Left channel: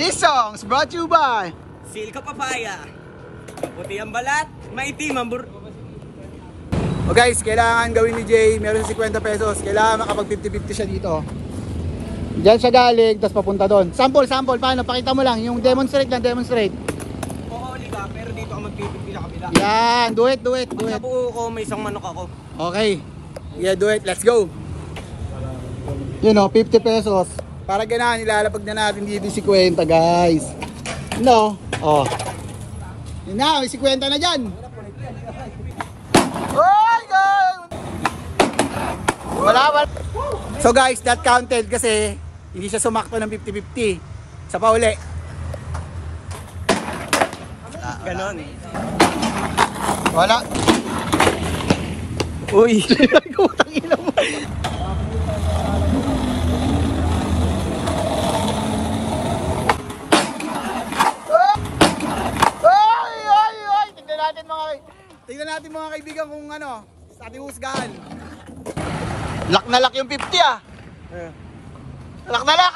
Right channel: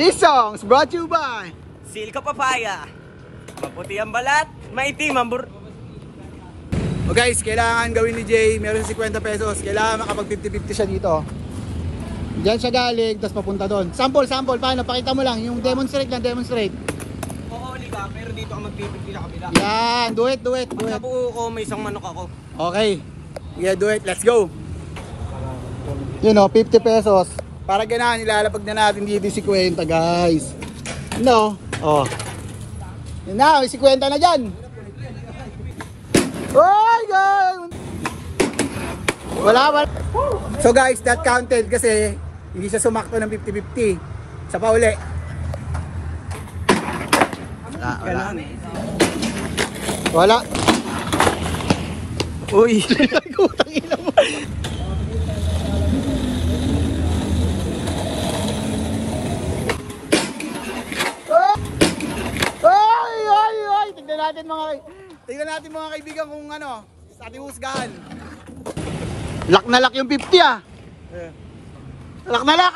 This song is brought to you by Silka Papaya. Maputi ang balat, maitim ang O guys, kailangan gawin ni Jay, meron sa 50 pesos. Kailangan makapag 50-50 siya dito. Diyan siya galing, tapos papunta doon. Sample, paano? Pakita mo lang, yung demonstrate lang, demonstrate. Kuhuli ka, pero dito ka mag-50 sa kabila. Yan, do it. Pag nabuo ko, may isang manok ako. Okay, yeah, do it, let's go. You know, 50 pesos. Para ganahan, ilalapag na natin dito yung 50 guys. No? Oh. Yun na, may 50 na dyan. So guys, that counted kasi hindi siya sumakto ng 50-50. Sa pauli. Ganon. Wala. Uy! Kutang ina mo. Tingnan natin mga kaibigan kung ano, sa ating husgahan. Lock na lock yung 50 ah. Lock na lock.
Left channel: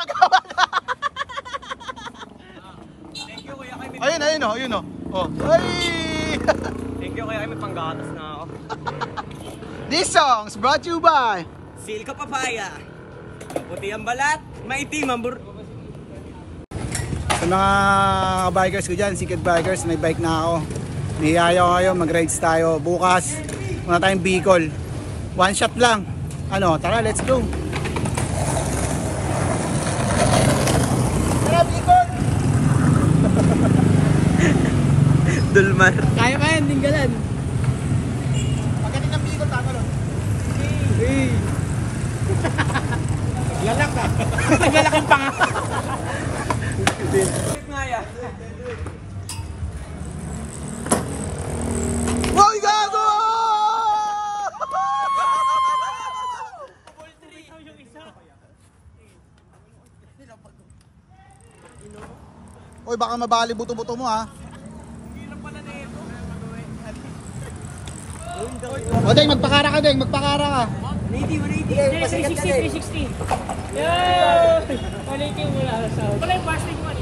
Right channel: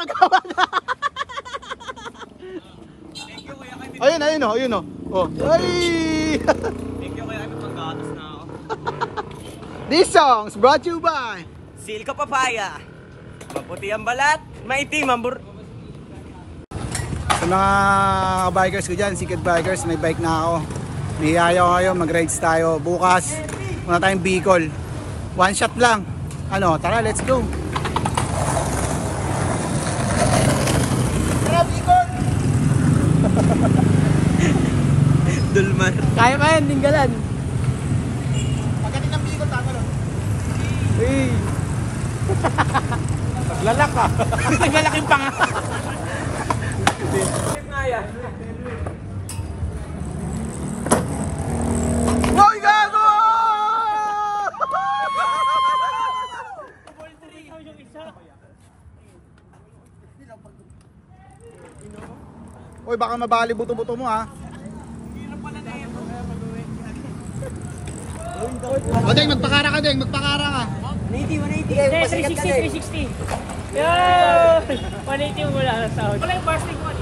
Thank you kuya kay Ayun oh. Oh. Thank you kuya kay may panggatas na ako. This song is brought to you by Silka Papaya. Maputi ang balat, maitim ang Sa mga bikers ko dyan, Secret Bikers, may bike na ako. Nihihaya ko kayo, mag-rides tayo. Bukas, muna tayong Bicol. One shot lang. Ano, tara, let's go. Tara, Bicol! Dulman. Kaya pa yan, tinggalan. Pagdating ng Bicol, tatalon. Hey! Lalak ka. Naglalak yung panga. Boy, gago! Uy, baka mabali buto-buto mo ha. O Deng, magpakara ka Deng, magpakara ka. 180. Pasikat ka din. 360. Yeah! 180 mula sa Saudi. Wala yung plastic man.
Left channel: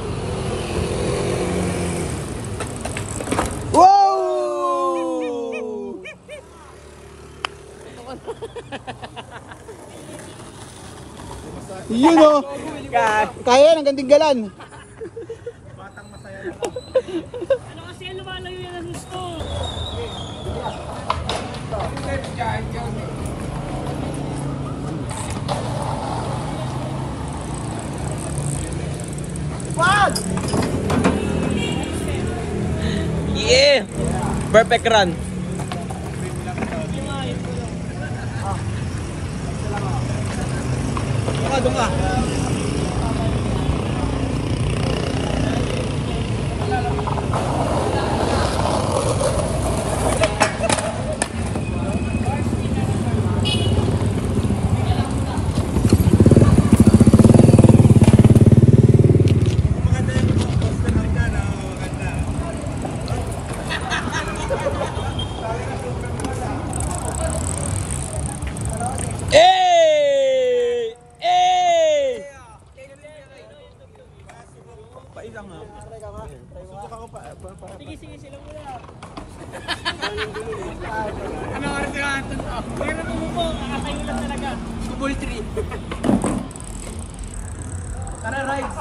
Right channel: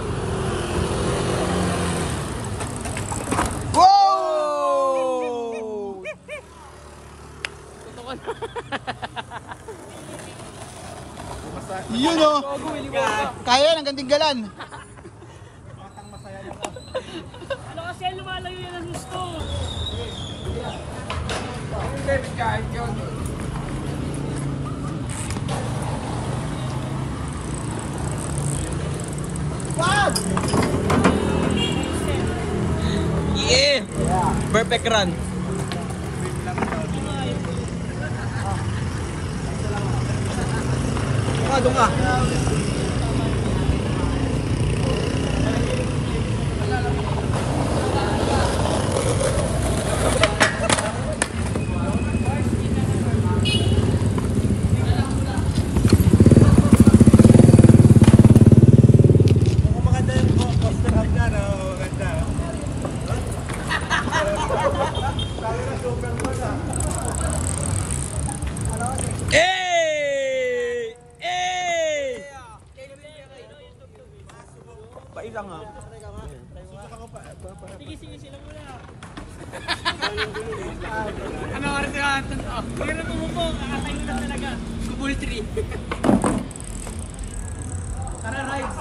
Wow! Yun o. Kaya yan, hanggang tinggalan. Ano kasi lumalayo yung gusto? Yeah! Perfect run. Doon ka. Paisang nga. Sige sila muna. Ano nga rin sila? Huwag na pumupo. Kakatay mo lang talaga. Kubol 3. Tara, rides.